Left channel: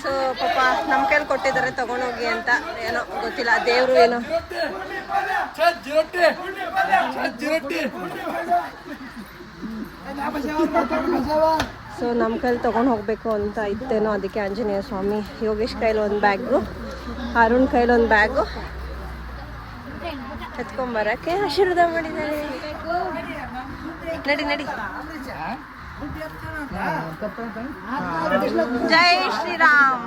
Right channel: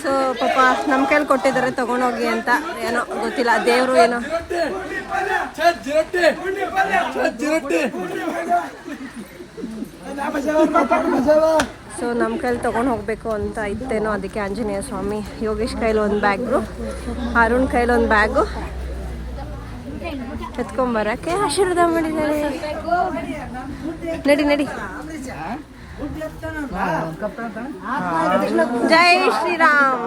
So ಪಾಪ ನಮ್ಮ ಕೈಲಿ ಕೊಟ್ಟಿದ್ದಾರೆ ತಗೊಂಡೋಗಿ ಅಂತ, ಏನೋ ಗೊತ್ತಿಲ್ಲ, ದೇವರು ಏನೋ. ಸೊ ನಮ್ಮ ಕೈಲಿ ತಗೊಂಡು ಹೋಗ್ಬೇಕು ಅಂತ ಇತ್ತೇನೋ, ಅದಕ್ಕೆ ಆಂಜನೇಯ ಸ್ವಾಮಿ, ಯೋಗೇಶ್ ಕೈಲಿ ಒಂದು ಬ್ಯಾಗು, ಅರುಣ್ ಕೈಲಿ ಒಂದು ಬ್ಯಾಗು ಎತ್ಕೊಂಬರಕ್ಕೆ ಆಶೀರ್ವಾದ ಮಾಡಿದ್ದಾರೆ. ನಡಿ ನಡಿ. ಜೈ ಶ್ರೀರಾಮ್.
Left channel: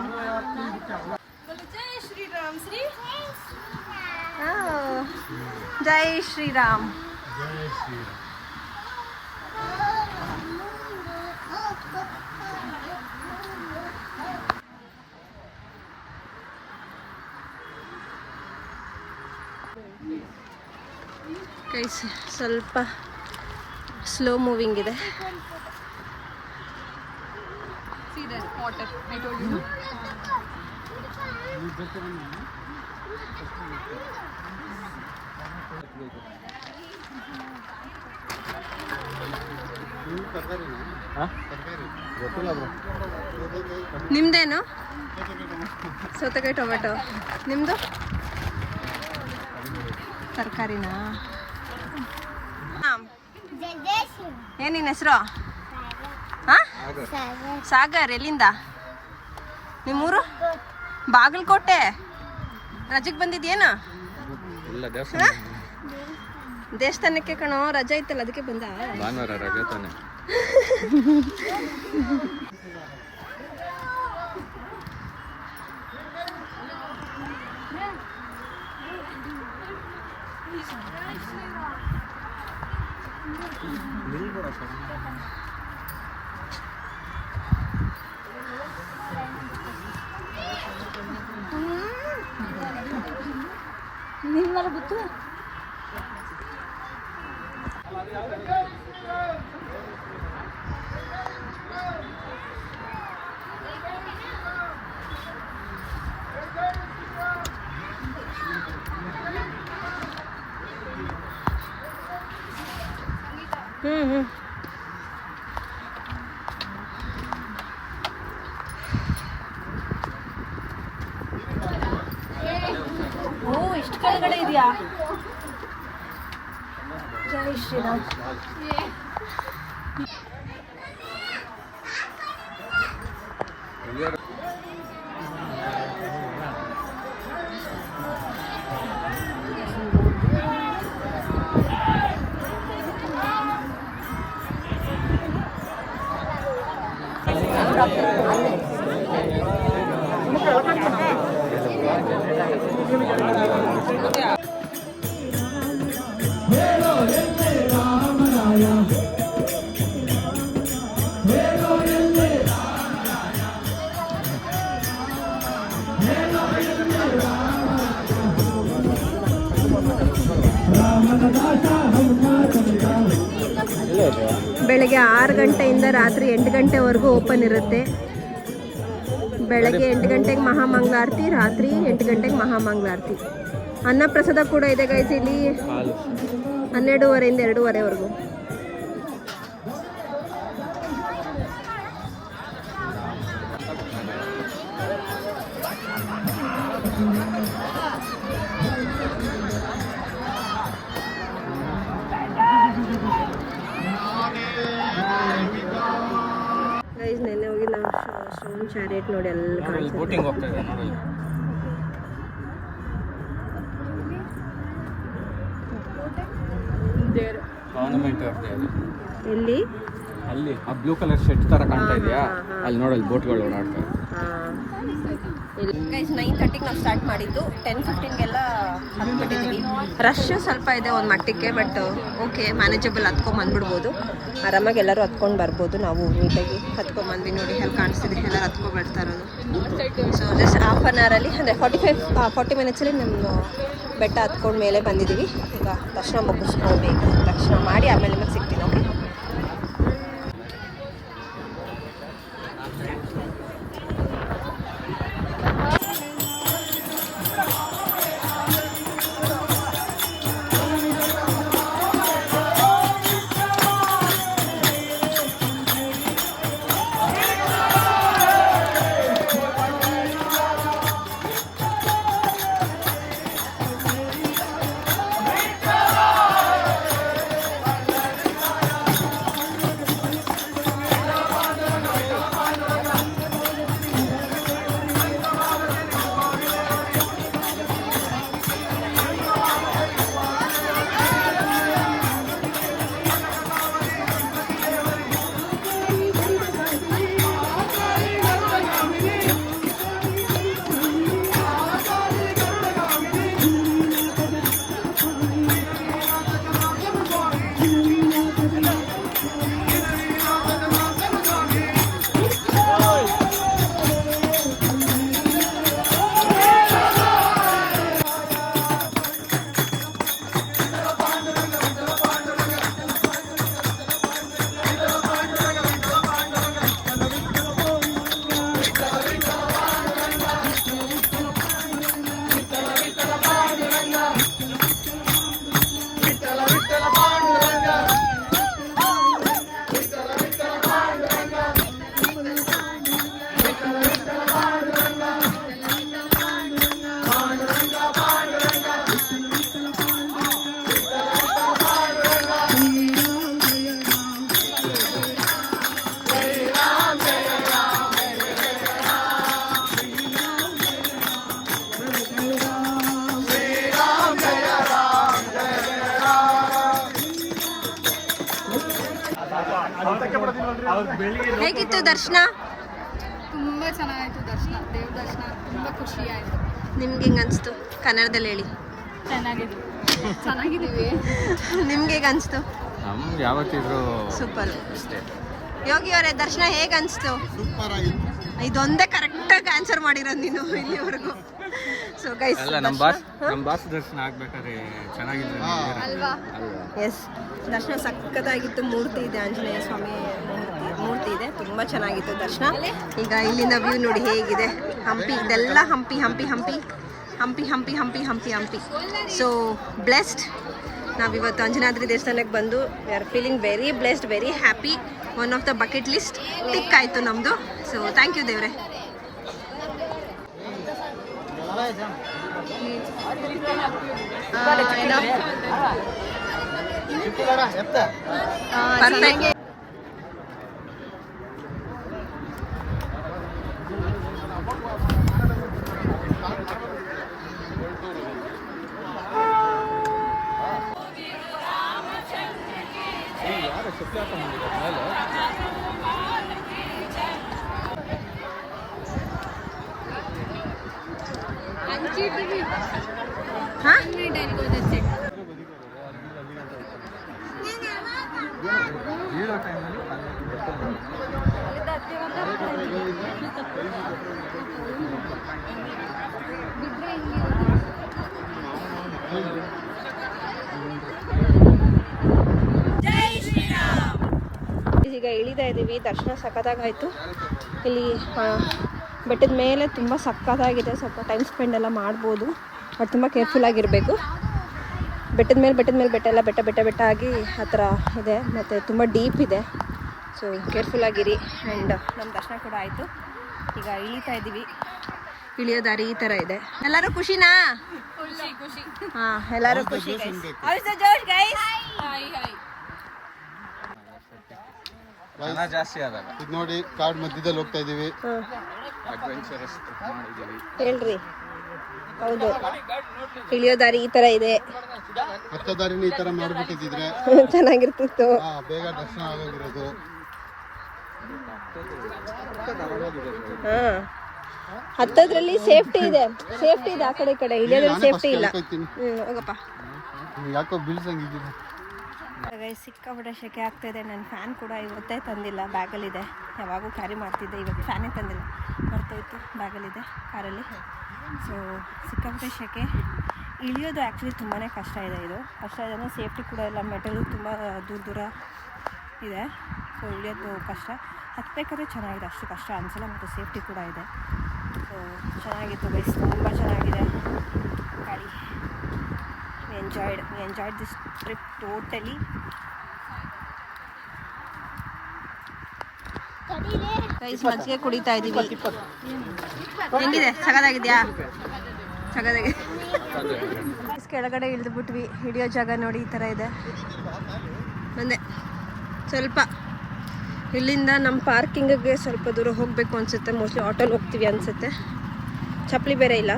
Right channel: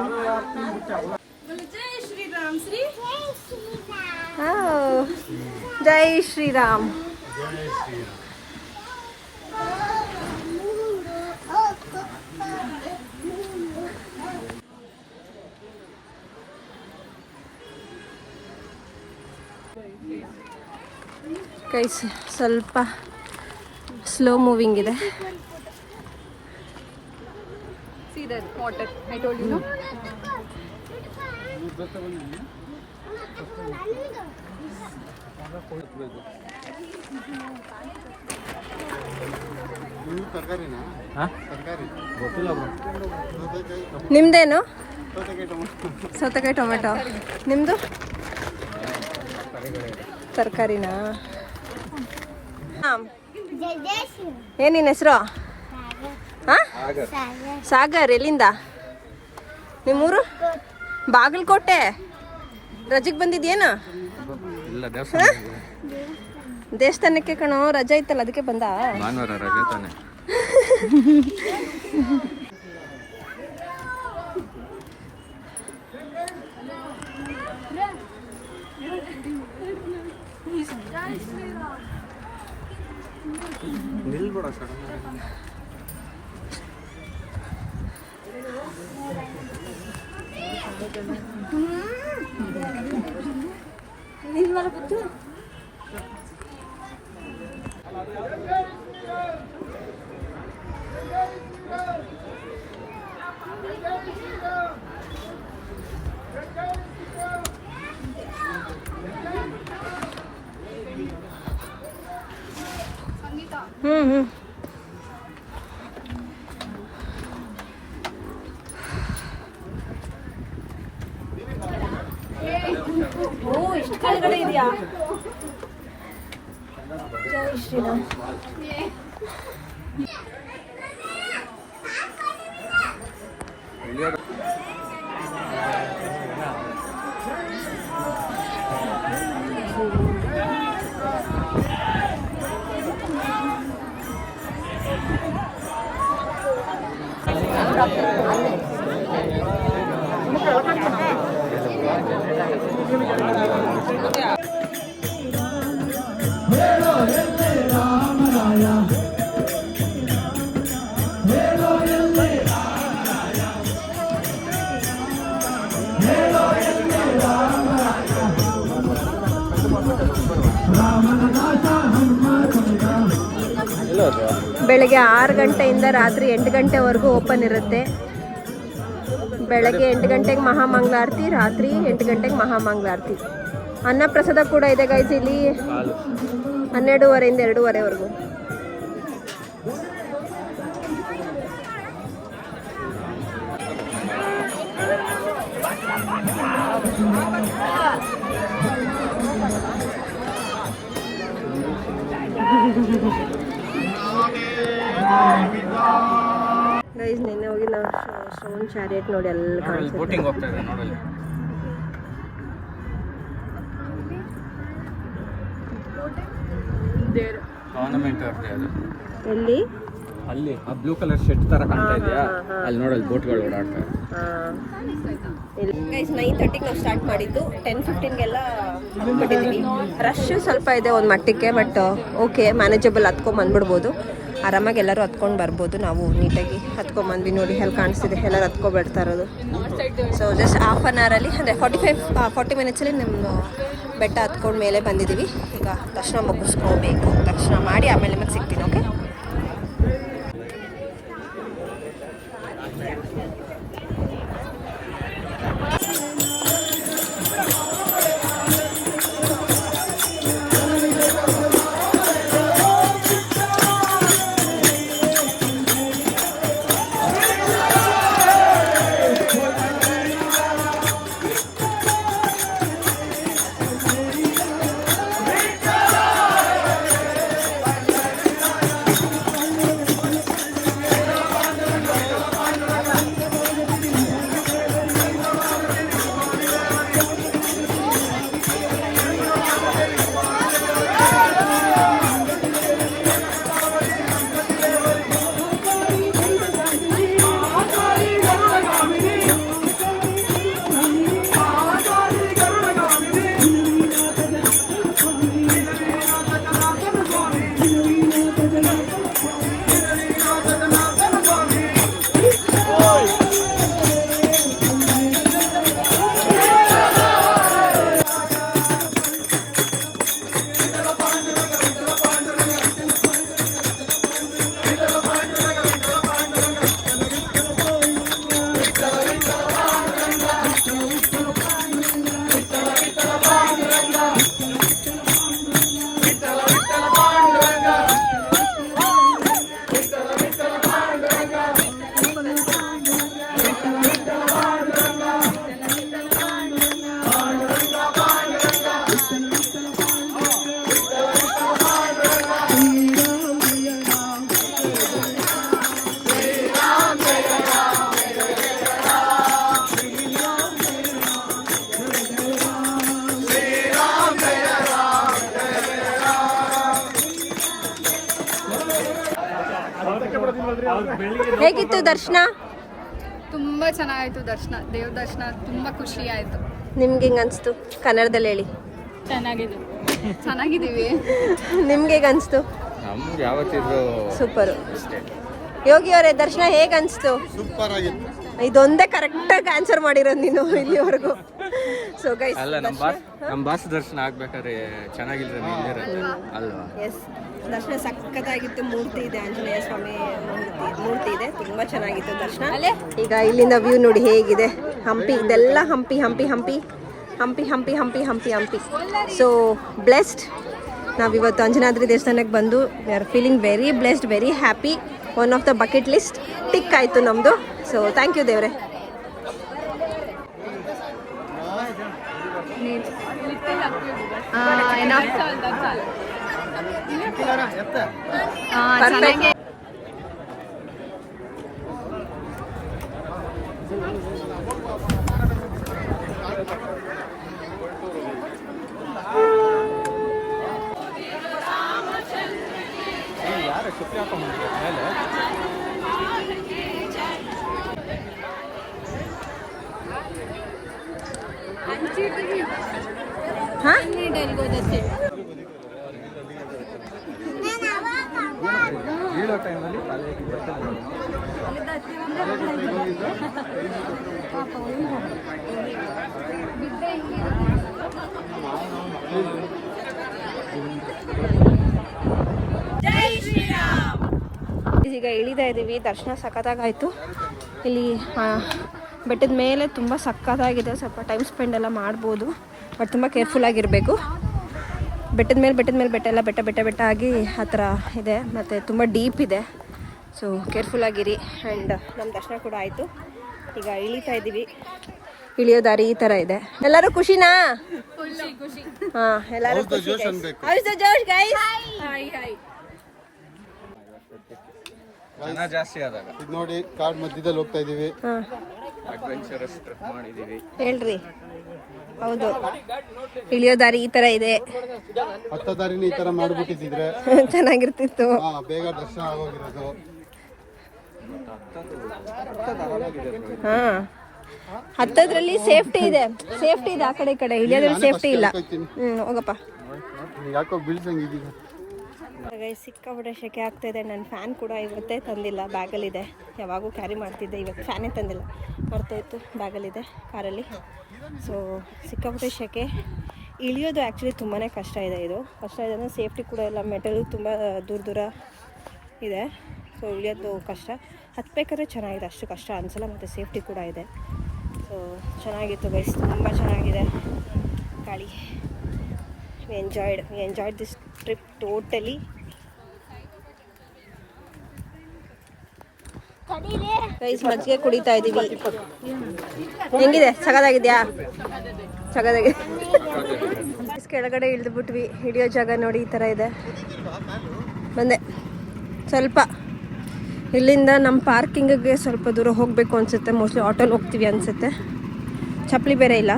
ಜೈ ಶ್ರೀರಾಮ್. ಕೈ ಸ್ವಲ್ಪ ಸ್ಲೋ ಮೂವಿಂಗ್ ಇದೆ. ನಿಮ್ದೇನು? ಸೌತೆಕಾಯಿ ಟೊಮೆಟೊ. ನಿಮ್ದು ತರಕಾರಿನಾ? ಏನಿನ ಹೆಸರು? ಸಾಗರ್. ಎಲ್ಲಿಂದ? ನಿಮ್ಮೂರು? ಬಾಗಲಕೋಟೆ. ರಜೆಗೆ ಬಂದಿದ್ಯೇನು? ದೇವಸ್ಥಾನಕ್ಕೆ ಕಣೋ, ರಜೆ ಇತ್ತಲ್ಲ ಅದಕ್ಕೆ ಬಂದ. ಇಷ್ಟು ಕೆಳಗಡೆ ಇದೆಯಾ? ಜೈ ಶ್ರೀರಾಮ್. ಬೆಳಗ್ಗೆ 6 ಗಂಟೆಯಿಂದ ರಾತ್ರಿ 8 ಗಂಟೆವರೆಗೂ ಓಪನ್ ಇರುತ್ತೆ. ಬೆಳಗ್ಗೆ 8 ಗಂಟೆಗೆ ಮಹಾಮಂಗಳಾರತಿ, ರಾತ್ರಿ 8 ಗಂಟೆಗೆ ಮಹಾಮಂಗಳಾರತಿ. ಅನ್ನಪ್ರಸಾದ ಕೂಡ ಇದೆ ಗೈಸ್ ಇಲ್ಲಿ 12:30ಇಂದ 2:30ವರೆಗೂ. ಗೈಸ್ ನೆನ್ನೆ ಹೋಗಿ ನಾವು ಸ್ಟೋನ್ ಚಾರಿಯಟ್ ನೋಡಿ ಎಲ್ಲ ಬೋಟಿಂಗ್ ಹೋಗ್ತಾ ಇದೆ ನೋಡಲ್ಲಿ. ಗವರ್ನಮೆಂಟ್ ಅವ್ರದ್ದೇ ಅದು. ಎಲ್ಲಿ? ಅಲ್ಲಿ ಆ ಬ್ಲೂ ಕಲರ್ ಶೆಡ್ ತರ ಕಾಣ್ತಾ ಇದೆಯಾ, ಅಲ್ಲಿ ನೋಡಲ್ಲಿ ಬೋಟ್ಗಳು ಓಡಾಡ್ತವೆ. ಗೈಸ್ 9:30ಗೆ ನಾವು ಸ್ಟಾರ್ಟ್ ಮಾಡಿದ್ದು, 10:15ಗೆಲ್ಲ ಹತ್ಬಿಟ್ಟಿದ್ವಿ. ರಶ್ ಸ್ವಲ್ಪ ಇದೆ ಒಂದು ಮಟ್ಟಕ್ಕೆ, ಬಟ್ ಓಕೆ ಮ್ಯಾನೇಜಬಲ್. ಹತ್ಕೊಂಡು ಬಂದ್ಬಿಡ್ಬೋದು ಆರಾಮಾಗಿ, ಎಲ್ಲರೂ ಹತ್ಕೊಂಡು ಬರ್ಬೋದು. ನಾವು ನೀಟಾಗಿ ಹತ್ಕೊಂಡ್ಬಂದ್ವಿ ನೋಡಿ, ಅಲ್ಲಿ ಕಾಣಿಸ್ತಿದೆ ಎಲ್ಲರೂ ಹತ್ಕೊಬಿಡ್ತಾ ಇರೋದು. ಸೊ ಜಸ್ಟ್ ಹಾಫ್ ಆನ್ ಅವರಲ್ಲಿ, ಅಂದರೆ 40 ಮಿನಿಟ್ಸಲ್ಲಿ ನಮ್ಮದು ಬೆಟ್ಟ ಹತ್ಕೊಂಡು ಮೇಲೆ ಬಂದಿದ್ದೀವಿ. ಈಗ ದರ್ಶನ ಮುಗಿಸ್ಕೋಬೇಕು, ದರ್ಶನ ಮಾಡಿ ಆಮೇಲೆ ನಿಮಗೆ ಸಿಗ್ತೀನಿ. ಹೇಗಿತ್ತು ದರ್ಶನ? ತುಂಬ ಚೆನ್ನಾಗಾಯ್ತು ದರ್ಶನ, ದೇವ್ರ ದರ್ಶನ ತುಂಬ ಖುಷಿ ಆಯಿತು. ನಿಮ್ಗೆ ಹೆಂಗೆ ಅನಿಸ್ತು? ಕನ್ನಡದಲ್ಲಿ ಹೇಳಿ. ಚೆನ್ನಾಗಿದ್ದೀವಿ. ನಿಮ್ಗೆ ಹೇಗೆ ಅನಿಸ್ತು? ನಮ್ಗೆ ಯಾವತ್ತಿದ್ರು ಸೂಪರು. ಯೋಗಿ ಅವರೇ ದರ್ಶನ ಹೇಗೆ ಅನಿಸ್ತು? ಸೂಪರ್ ಆಗಿತ್ತು. ಇದೊಂದೇ ಕರೆಕ್ಟಾಗಿ ಆನ್ಸರ್ ಮಾಡಿರೋದು ನೀನು ಇಲ್ಲಿವರೆಗೂ. ಸೊ ಗೈಸ್, ಅಲ್ಲ ನಮ್ಮ ಬಾಸ್ ದರ್ಶನ ಆಗ್ಬೇಕಾದ್ರೆ ಚೆನ್ನಾಗಿದ್ರೆ ಅಲ್ಲ. ಎಸ್, ದರ್ಶನ ಸಖತ್ತಾಗಿತ್ತು. ಮೂರ್ತಿ ಇದೆ, ಆಂಜನೇಯ ಸ್ವಾಮಿ ಮೂರ್ತಿ ಇದೆ, ತುಂಬ ಚೆನ್ನಾಗಿತ್ತು ದರ್ಶನ. ಈಗ ಇಲ್ಲಿಂದ ವ್ಯೂ ನೋಡಿ ಹೇಗಿದೆ. ಹಂಪಿ, ಇದೆಲ್ಲ ಹಂಪಿ ಹಂಪಿ ಹಂಪಿ ಹಂಪಿ ಹಂಪಿ ಹಂಪಿ ಹಂಪಿ ಹಂಪಿ. So blessed. ನಾವಿವತ್ತು ಅಂಜನಾದ್ರಿ ದೇವಸ್ಥಾನಕ್ಕೆ ಬಂದು we are feeling very blessed, very happy. One of the bucket list tick ಆಯಿತು ನಮ್ಮದು. ಸೊ ಥ್ಯಾಂಕ್ ಯು ದೇವ್ರೆ. ಪರ್ಫೆಕ್ಟ್. ಹಾಂ, ಬೀಳೋ ಟೈಮಲ್ಲಿ ಈಗ ಇಳಿತಾ ಇದ್ದೀವಿ. ದರ್ಶನ ಸಖತ್ತಾಗಾಯಿತು. ಇಲ್ಲಿ ಬೆಟ್ಟದ ಮೇಲೆ ತುಂಬ ಸಖತ್ತಾಗಿದೆ. ಸ್ವಲ್ಪ ಟೈಮ್ ಸ್ಪೆಂಡ್ ಎಲ್ಲ ಮಾಡ್ಬೋದು, ಬಟ್ ತುಂಬ ಕೇರ್ಫುಲ್ ಆಗಿರಬೇಕು. ಬೆಟ್ಟ ಎಲ್ಲ ಬೆಟ್ಟ ಆಗಿ ಆ ಥರ ಇದೆ, ಮತ್ತು ತುಂಬ ಡೀಪ್ ಇದೆ. ಸೊ ಕೇರ್ಫುಲ್ ಆಗಿರಿ. ಆ್ಯಂಡ್ ನಮ್ಮ ದರ್ಶನ ಕೂಡ ಆಯಿತು. ಈಗ ಇಳಿತಾ ಇದ್ದೀವಿ. ಇಳಿಯೋ ದಾರಿ ಈ ಥರ ಇದೆ. ಎಲ್ಲರೂ ಖುಷಿನಾ? ಹಾಂ, ಎಲ್ಲರೂ ಖುಷಿ. ಜೋಶ್ ಗೈಸ್. ಜನ ಜಾಸ್ತಿ ಆದಾಗ ಇದು ನೋಡಿ, ಕಾಡ್ ಮಧ್ಯದಲ್ಲಿ ಹೋಗ್ತಾ ಇದೀವಿ. ಅಡ್ವೆಂಚರಸ್ ಟ್ರಿಪ್ ಮಾಡಿದೀವಿ. ಹೇಳ್ರಿ. ಹೌದು, ಇಳಿಯೋ ದಾರಿ ಈ ತರ ಇದೆ. ಹತ್ತ ದಾರಿನ ಈ ತರ ಮಾಡ್ಬಿಟ್ಟಿದ್ರೆ ಚೆನ್ನಾಗಿರ್ತಿತ್ತು. ಬೇಗ ದರ್ಶನ ಆಗೋಗಿರೋದು. ಹಾ, ಹತ್ತದ್ರಲ್ಲಿ ಸೇಫ್ಟಿ ಇದೆ ಆ ಕಡೆ ಈ ಕಡೆ. ಇಳಿಯೋದು ನಾನೇ ಸೇಫ್ಟಿ ಫಸ್ಟ್ ಇಲ್ಲ. ಹೋಗ್ತೀನಿ. ಹೋಗಪ್ಪ. ಯಾಕೋ ಬೀಳ್ಸಂಗಿದ್ದೀನಿ. ಸಿಕ್ಕಾಪಟ್ಟೆ ಸೆಕೆ ಆಗ್ತಾಯಿದೆ. ನನ್ನ ಫ್ಯಾನ್ ಕೂಡ ಇವತ್ತೇ ತಂದಿಲ್ಲ, ಬ್ಯಾಗಲ್ಲಿದೆ. ಯಾವಾಗೂ ಕ್ಯಾರಿ ಮಾಡ್ತಿದ್ದೆ, ಇವತ್ತು ಫ್ಯಾನೇ ತಂದಿಲ್ಲ, ಮರ್ತೋಯ್ತು. ಬ್ಯಾಗಲ್ಲಿದೆ ಕಾರಲ್ಲಿ. ಸೊ ಸಿಕ್ಕಾಪಟ್ಟೆ ಸೆಕೆ. ಇಳಿಯೋದು ಆ್ಯಕ್ಚುಲಿ ತುಂಬಾ ಕಷ್ಟ ಇದೆ. ಇದು ಕಷ್ಟ ಇದೆ ಅಂದರೆ ಸೇಫ್ಟಿ ಕೂಡ ಇಲ್ಲ. ಮೆಟಲು ತುಂಬ ದೂರ ಇದೆ. ಸೊ ಇಳಿಯೋದು ಕಷ್ಟ. ಹತ್ಬೇಕಾದ್ರೆ ಚೆನ್ನಾಗಿದೆ, ಅಷ್ಟು ಕಷ್ಟ ಅನಿಸಲ್ಲ, ಮತ್ತು ಸೇಫ್ಟಿ ಕೂಡ ಇದೆ. ಸೊ ಚೆನ್ನಾಗಿತ್ತು ಗೈಸ್, ತುಂಬ ಚೆನ್ನಾಗಿದೆ ಗಾಳಿ. we enjoyed this trip totally. Guys, ಮಜ್ಜಿಗೆ ಕುಡಿತಾ ಇದ್ದೀವಿ. ಹೆಂಗಿದೆ? ಸಗದಾಗಿದೆಯಾ? ಸಗದಾಗಿ. ಕೆಳಗಡೆ ಇಳಿದ್ಬಿಟ್ವಿ. ಹಿಡಿಯೋ ಜಾಗ ನೋಡಿ ಈ ಥರ ಇದೆ. ಬಂದೆ ಸ್ವಲ್ಪ. ಇಲ್ಲಿಂದ ನಮ್ಮ ಪಾರ್ಕಿಂಗಿಗೆ ಸ್ವಲ್ಪ ದೂರ ಹೋಗಬೇಕು ಅನಿಸುತ್ತೆ. ಮೋಸ್ಟ್ಲಿ ಆಟೋಲ್ಲಿ ಹೋಗ್ತೀವಿ ಅನಿಸುತ್ತೆ. ಚಪ್ಪಲಿ ಬೇರೆ ಇಲ್ಲ.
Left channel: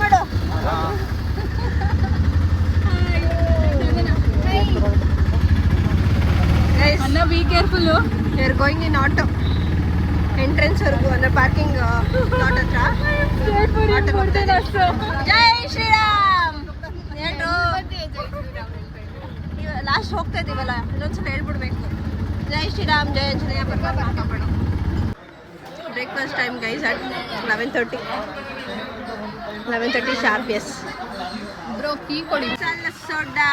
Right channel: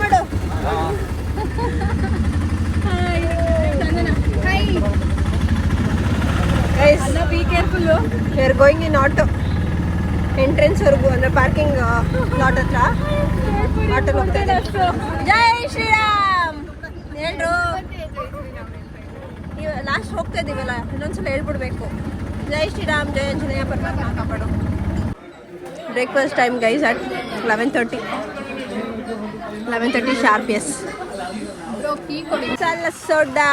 ಮಾಡು. Guys, be careful. we are going in auto. Entrance ವರೆಗೂ ಅಂದ್ರೆ ಪಾರ್ಕಿಂಗ್ ಲಾಟ್ ಹತ್ರ ಆಟೋ ಹೋಗ್ತಾ ಇದೆ. ಜೈ ಶ್ರೀರಾಮ್ ಹೇಳ್ರು. ಲಾಸ್ಟ್ ಹೋಗ್ತಾ ಇದೀವಲ್ಲ, ಇನ್ನೊಂದ್ಸಲ ಹೇಳ್ಬಿಡ್ಬೇಕು. ಜೈ ಶ್ರೀರಾಮ್, ಜೈ ಆಂಜನೇಯ, ಪರಮಾತ್ಮ ಕಾಪಾಡು. Breakfast time guys at 11:30 sharp. S bro, tea ಕೊಡಿ. ಸಲ್ಲ ಸೋಡಾ.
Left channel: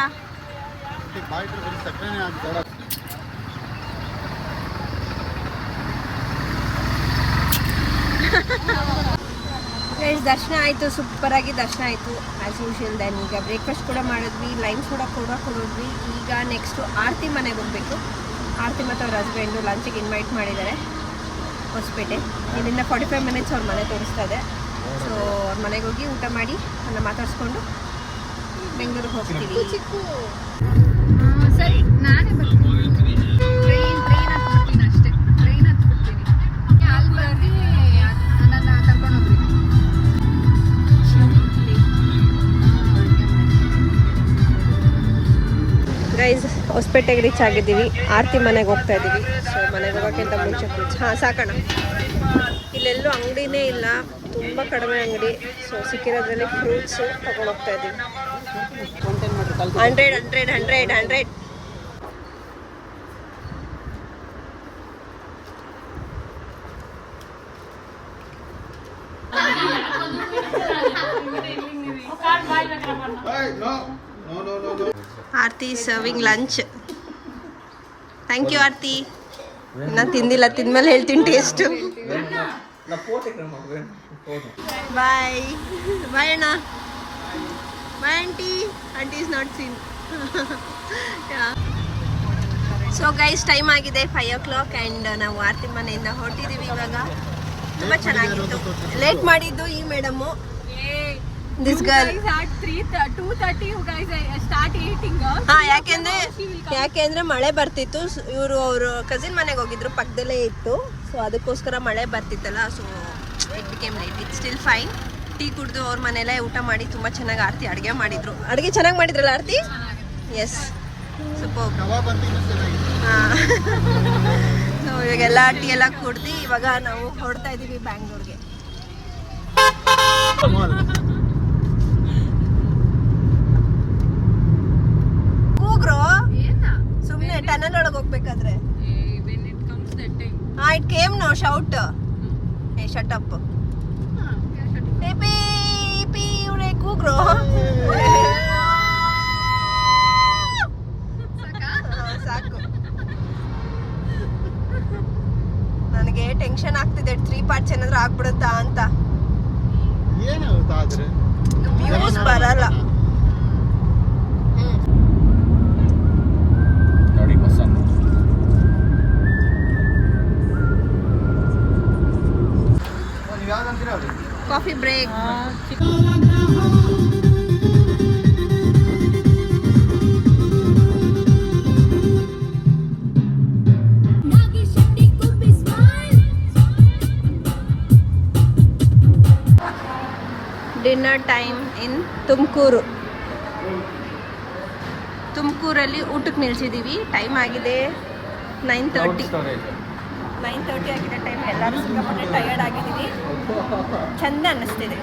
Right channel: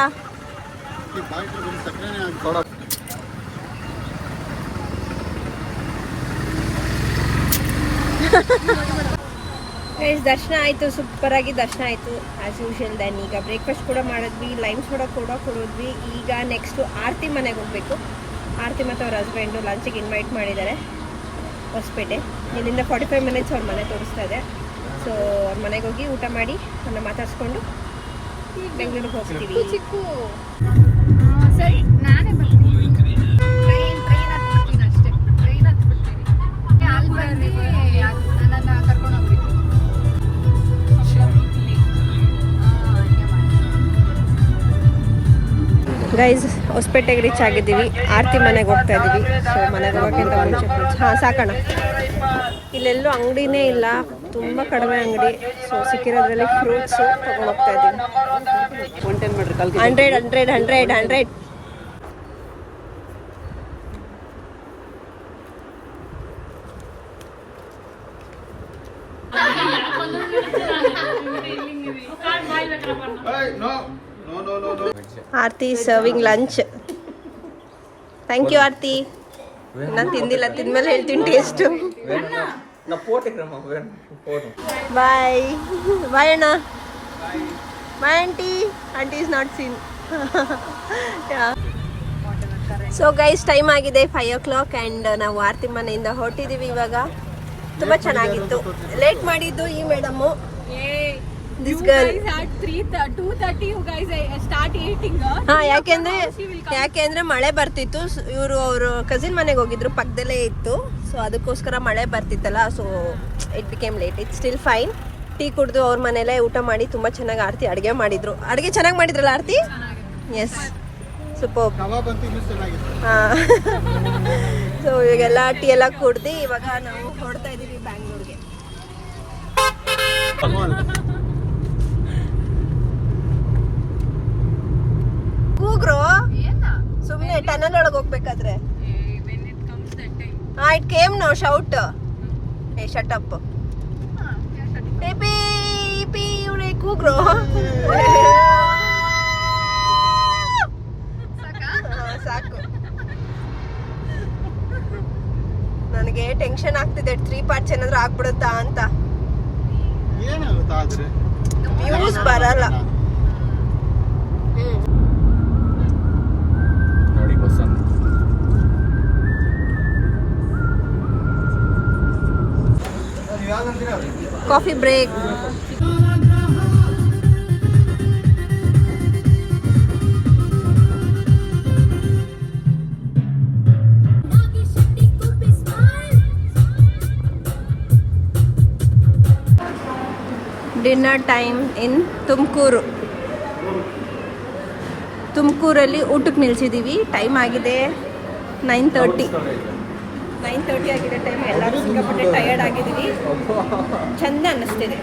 ಗೈಸ್, ದರ್ಶನ ಆಯಿತು, ಸೂಪರಾಗಿ ದರ್ಶನ ಆಯಿತು ಆ್ಯಸ್ ಯೂಶುವಲ್. ದೆನ್ ಈಗ ಬ್ರೇಕ್ಫಾಸ್ಟ್ ಕೂಡ ಮಾಡಿದ್ವಿ, ಲೈಮ್ ಸೋಡಾ ಕೂಡ ಕೊಡಿದ್ವಿ. ಈಗ ನೆಕ್ಸ್ಟು ಆರತಿ ಮನೆಗೆ ಹೋಗಬೇಕು. ಆರತಿ ಮತ್ತು ಅವ್ರ ಹಸ್ಬೆಂಡು ಲಂಚಿಗೆ ಇನ್ವೈಟ್ ಮಾಡಿದ್ದಾರೆ ಹೊಸಪೇಟೆ. ಇಲ್ಲಿಂದ 45 ಮಿನಿಟ್ಸ್ ಅವ್ರ ಮನೆ ತೋರಿಸ್ತಾ ಇದೆ. ಸೊ ಅವ್ರ ಮನೆಗೆ ಹೋಗಿ ಊಟ ಮಾಡಿ ಅನ್ನ ಮಾತಾಡಿಸ್ಕೊಂಡು ಬೆಂಗಳೂರಿಗೆ ಹೋಗ್ತೀವಿ. ಸರಿ, ನಾನೇ ಬರ್ತೀನಿ. ಟ್ರೈನ್ ಹತ್ಬಿಡ್ತೀನಿ ಅಷ್ಟೇ. ಟ್ರೈನ್ ಹತ್ಬಿಡ್ತೀನಿ. ಅಲ್ಲಿ ಬಂದು ನನ್ನ ಕರ್ಕೊಂಡು ಹೋಗ್ತೀನಿ. ಗೈಸ್, ಹೊಸಪೇಟೆಗೆ ರೀಚ್ ಆಗಿದೆ. ಇದ್ದೀವಿ, ಆರತಿ ಮನೆಗೆ ಹೋಗ್ತಾ ಇದ್ದೀವಿ. ಸೊ ಮನೆಗೆ ಹೋಗಿ ಸಾಕೋಣ. ಇಲ್ಲೆಲ್ಲೂ ಅಂಗಡಿನೇ ಇಲ್ಲ, ತುಂಬ ಕಡಿಮೆ ಅಂಗಡಿ. ಸೊ ಸಿಕ್ಕಿರೋದ್ರಲ್ಲಿ ಫ್ರೂಟ್ಸ್ ಹೋಗ್ತಾ ಇದ್ದೀವಿ. 100 Aarti serving lunch. Thank you Aarti. ಇನ್ನ ತಿಂದಿಲ್ಲ, ತಿಂದ್ಮೇಲೆ ಹೇಳ್ತೀನಿ ಟೇಸ್ಟು. ಬಾಯ್ ಬಾಯ್ ಅಣ್ಣ. Bye aunty. Aunty is not seen. So guys, time ಆಗಿದೆ 5 o'clock ಆ್ಯಂಡ್ ನಾವು ಆರ್ತಿ ಮನೆಯಿಂದ ಹೊರಟಿದ್ದೀವಿ ಇವಾಗ. ತುಂಬ ಚೆನ್ನಾಗಿತ್ತು. ಲೇಟ್ ಮಾಡಿದ್ದು ಈ ಮೇಡಮು, ದಿಸ್ ಗರ್ಲ್. ಹಾ, ಯಾಕೆಂದ್ರೆ ಮಳೆ ಬರ್ತಿತ್ತು. ಇವರು ಅವರು ಕಸಿನ್ ಮನೆಗೆ ಹೋಗಿದ್ರು, ಪಕ್ಕದಲ್ಲೇ ಇತ್ತು. ಸೊ ಅದಕ್ಕೋಸ್ಕರ ಮಳೆ ಬರ್ತಿತ್ತಲ್ಲ, so it became late. It still fine. Tea ಕುಡಿದು ಅವ್ರ ಮನೆಯಲ್ಲೇ ಊಟ ಮಾಡಿ ತುಂಬ ಚೆನ್ನಾಗಿ ಆರ್ತಿ ಅಡುಗೆ ಮಾಡಿದ್ರು. ಅಡುಗೆ ಚೆನ್ನಾಗಿ ಮಾಡಿದ್ರಲ್ಲ ಆರ್ತಿ? S, super. ಕಬಾಬ್ ಅಂತ ಇನ್ನೂ ಚೆನ್ನಾಗಿದೆ. ಸೊ ಇವಾಗೆಲ್ಲ ಟೀ ಎಲ್ಲ ಕುಡ್ದು ಇವಾಗ ನಾವು ಹೊರಡ್ತಾ ಇದ್ದೀವಿ ಬ್ಯಾಂಗ್ಳೂರ್ಗೆ. ಕೂಗ್ರು ಸುಮ್ಮನೆ ಟನಲ್ ಒಳಗೆ ಹೋಗ್ಬೇಕಾದ್ರೆ. It came no shout. ಏ ಶಟ್ ಅಪ್. ಇವಳೆ ಕೂಗ್ರು. ಸಾಕು. ನನಗೆ ಟೆನ್ಷನ್ ಆಗ್ತಿದೆ, 3 parts ಏನಾದ್ರು ಆಗ್ಬಿಡುತ್ತಾ ಅಂತ. ಏನಾಗುತ್ತಾ ಆದ್ರೆ ವ್ಯೂಸ್ ಬರಲ್ಲ. ನೋಡಿ bus coffee break. Dinner time in Tumakuru. ತುಮಕೂರಲ್ಲಿ ಊಟಕ್ಕೆ ನಿಲ್ಸಿದ್ದೀವಿ. ಟೈಮ್ ಆಗಿದೆ 9:30 ಆಗಿದೆ ಟೈಮ್. ಎಲ್ಲರೂ ಸಿಕ್ಕಾಪಟ್ಟೆ ಟಯರ್ಡ್ ಆಗಿದ್ದೀವಿ. ಚೆಂದ ಅನ್ನಿಸ್ತಿದೆ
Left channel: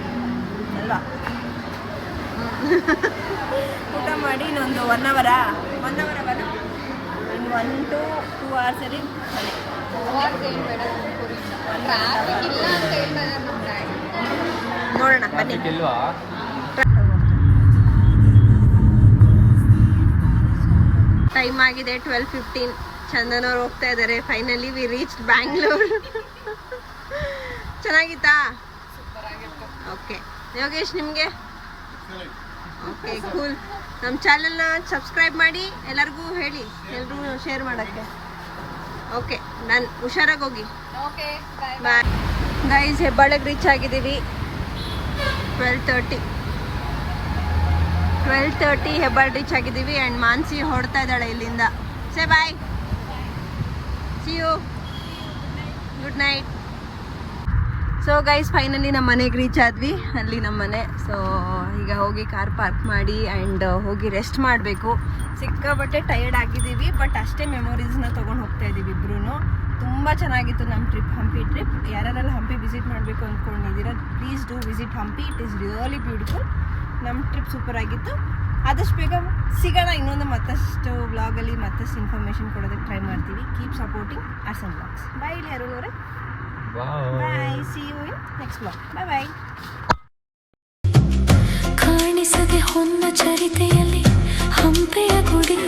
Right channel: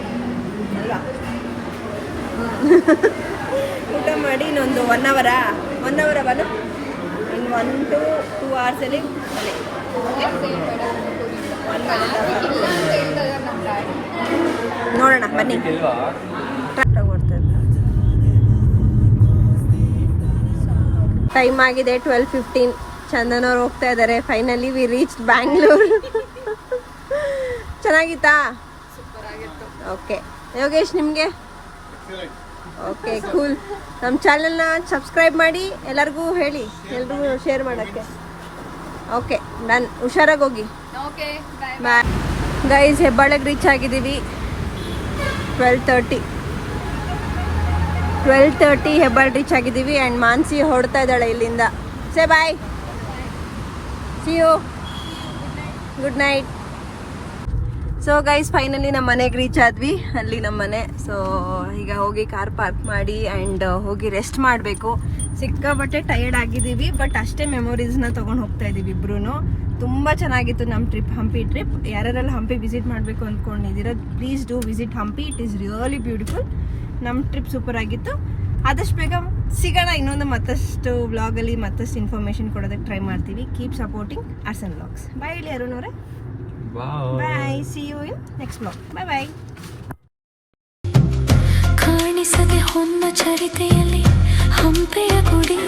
ಅಲ್ವಾ? ಊಟ ಮಾಡಿ ಇನ್ನೊಂದು 1 hour ಬನ್ನು ಒಂದು 1 to 2 hours ನೋಡೋಣ ಬನ್ನಿ. ಟೈಮ್ ಆಗಿದೆ 12:15. ಚಂದನ್ ಅವ್ರು ಹೋಗ್ತಾ ಇದ್ದಾರೆ. Finally we reach Bangalore. ಚೆನ್ನಾಗಿತ್ತಾ? ಓಕೆ ಯೋಗೇಶ್, ನಿಮಗೆ? Okay cool. ನಮ್ಮ ಚಾನಲ್ನ ಸಬ್ಸ್ಕ್ರೈಬ್ ಮಾಡಿ, ಎಲ್ಲರಿಗೂ ಹೇಳಿ, ಎಲ್ರಿಗೂ ಶೇರ್ ಮಾಡೋಕ್ಕೆ. Okay done. ಹುಷಾರಾಗಿ ಹೋಗಿ. Bye guys. ಹೆಬ್ಬಾಳಕ್ಕೆ ರೀಚ್ ಆಗಿದ್ದೀವಿ 12:30 ಹೆಬ್ಬಾಳ್ ರೀಚ್ ಆಗಿದ್ದೀವಿ. ಆ್ಯಂಡ್ ಮಾನ್ಸಿ ಹೊಡ್ತಾ ಇದ್ದಾಳೆ ಇಲ್ಲಿಂದ. Say bye, see you, good night. So guys, finally ನಮ್ಮ ಮನೆಗೆ ರೀಚ್ ಆದ್ವಿ. ಅಲ್ಲಿ ನಮ್ಮ ಮನೆ. ಸೊ ಈಗ ಹೋಗಿ ಕಾರ್ ಪಾರ್ಕ್ ಮಾಡಿ ಆ್ಯಂಡ್ ಹೋಗಿ ರೆಸ್ಟ್ ಮಾಡಬೇಕು. ಸಿಕ್ಕಾಬಟ್ಟೆ ಟಯರ್ಡ್ ಆಗಿದ್ದೀವಿ, ಬಟ್ ಅಷ್ಟೇ ಮೆಮೊರೀಸ್ನ ತೊಗೊಂಡು ಹೋಗ್ತಾ ಇದ್ದೀವಿ ಇಬ್ರು. ತುಂಬ ಚೆನ್ನಾಗಿತ್ತು ನಮ್ಮ ಟ್ರಿಪ್, ಹಂಪಿ ಟ್ರಿಪ್. ಯಾರ್ಯಾರೆಲ್ಲ ಹಂಪಿ ವಿಸಿಟ್ ಮಾಡಬೇಕು ಅಂದ್ಕೊಂಡಿದ್ದೀರಾ, please do visit Hampi. It is really beautiful. ನಮ್ಮ ಟ್ರಿಪ್ ಸೂಪರ್ ಆಗಿತ್ತು. ಆದಷ್ಟು ಬೇಗ ಸಿಗೋಣ ಇನ್ನೊಂದು ಮತ್ತಷ್ಟು ವ್ಲಾಗಲ್ಲಿ ಮತ್ತಷ್ಟು ಇನ್ಫಾರ್ಮೇಷನ್ ಕೊಡೋದಕ್ಕೆ ಟ್ರೈ ಮಾಡ್ತೀವಿ. Keep supporting Arson vlogs. Bye ಹೇಳಿ ಅರುಣ್ ಅವರೇ. Bye, see you in next vlog. Bye bye. ಕಾಣಿಸದೆ ಹೊನ್ನ ಚರಿತೆಯಲ್ಲಿ ಹಂಪೆಯ ಗುಡಿ,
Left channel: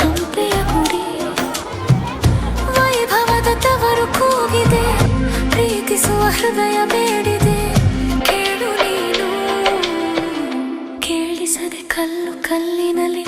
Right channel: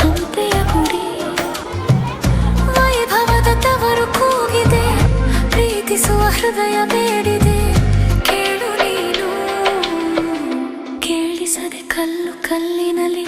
ಹಂಪೆಯ ಗುಡಿ ವೈಭವದ ತವರು ಕೂಗಿದೆ. ಪ್ರೀತಿಸುವ ಹೃದಯ ಬೇಡಿದೆ, ಕೇಳು ನೀನು. ಕೇಳಿಸದೆ ಕಲ್ಲು ಕಲ್ಲಿನಲ್ಲಿ